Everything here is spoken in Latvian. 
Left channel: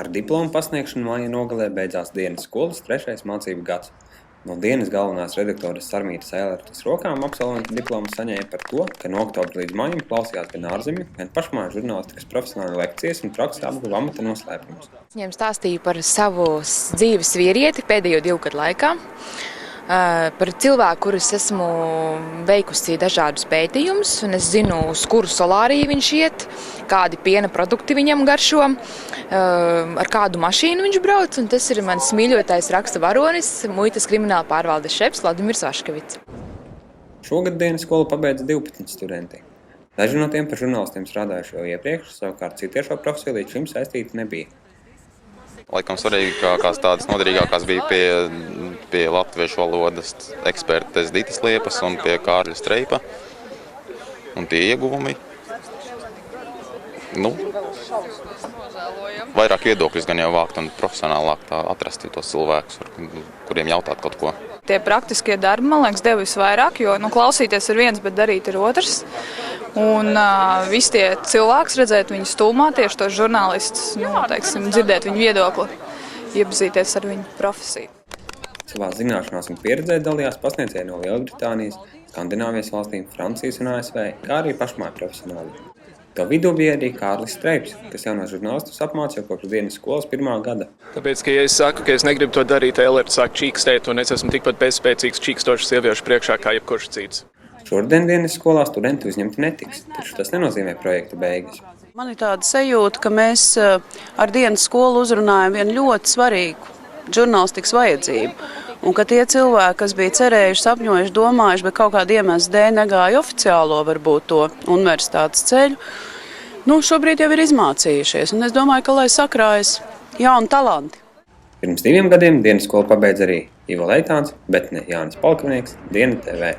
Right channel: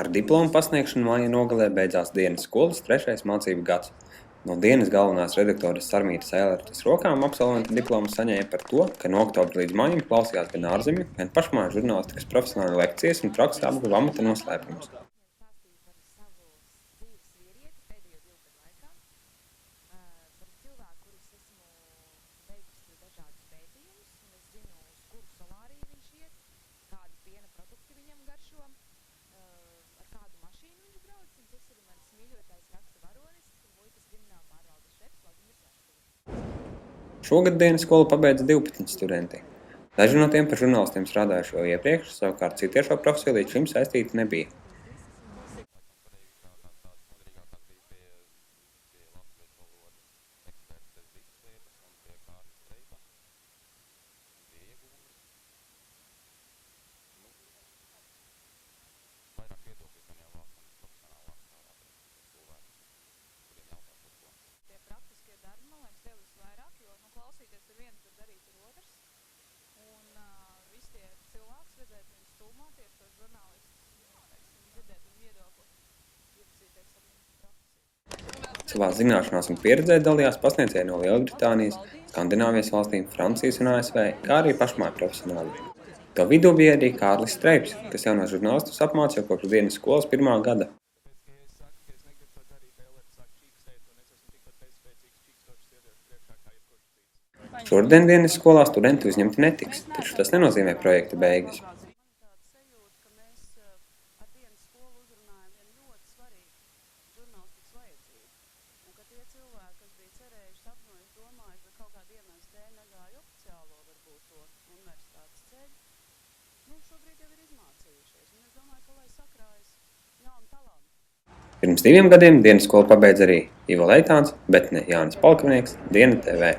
Ar diplomu pasniegšanu māja nogalē beidzās dienas skolas 3. mācību gads. No dienas galvenās redaktoras Sarmītas Ēlertes rokām absolventi diplomu saņēma par to, ka no oktobra līdz maijam klausījās gan ārzemju, gan pašmāju žurnālistikas profesionālu lekcijas un praksē apguva amata noslēpumus. Viņiem stāstīju par savu dzīves vīrieti pēdējo 2 gadu laikā, par cilvēku, kurus esmu veikusi dažādus pētījumus, un es zinu, uz kuru solāriju viņš iet, kādi piena produkti viņam garšo, ar kādu mašīnu viņš brauc, un tas ir mans mīļotais raksta varonis, muitas krimināla pārvaldes šefs Vladimirs Vaškevits. Šogad dienas skolu pabeidza 12 studenti. Daži no tiem par žurnālistiem strādājuši jau iepriekš, savukārt citi ar šo profesiju līdz šim saistīti nebija. Laikam svarīgākās tādas noderīgākās bija pie latviešu valodas ekspertes Ditas Liepas un pie Kārļa Streipa. Un tie ieguvumi, vairāk viedokļus gan jau vākt un profesionālāk atrast tos cilvēkus, kuriem jautāt kaut ko. Tie praktiskie darbi, man liekas, deva visvairāk, jo klausīties ir viens, bet darīt ir otrs. Un visi tie cilvēks, redzēt viņu stulmā, tieši tos žurnālistus, dzirdēt viņu viedokli, iepazīties ar viņu profesiju. Savā zināšanās un pieredzē dalījās pasniedzēji no Lielbritānijas, Skandināvijas valstīm, Francijas un ASV, kā arī pašmāju profesionāļi. To vidū bija arī Kārlis Streips, kas jaunos žurnālistus apmāca jau kopš dienas skolas 1. gada. Tāpēc, ka ja es saku, ka es negribu to darīt, Ēlerte sāk čīkstēt, un es esmu tikpat bezspēcīgs čīkstošs sieviešu priekšā kā jebkurš cits. Šodien dienas skolā studenti uzņemti netiks, taču tas nenozīmē projekta beigas. Man ir tāda sajūta, ka mēs ar dienas skolu uzrunājam vienu ļoti svarīgu žurnālistikas vajadzību. Un ka tie cilvēki, kas bija cerējuši, sapņojuši, domājuši, bet kaut kāda iemesla dēļ negāja oficiālo varbūt to universitātes ceļu, šobrīd jau ir izmācījušies. Un es domāju, ka lai sakrājas jauni talanti. Pirms 2 gadiem dienas skolu pabeidza arī Ivo Leitāns, bet ne Jānis Palkavnieks, Diena TV.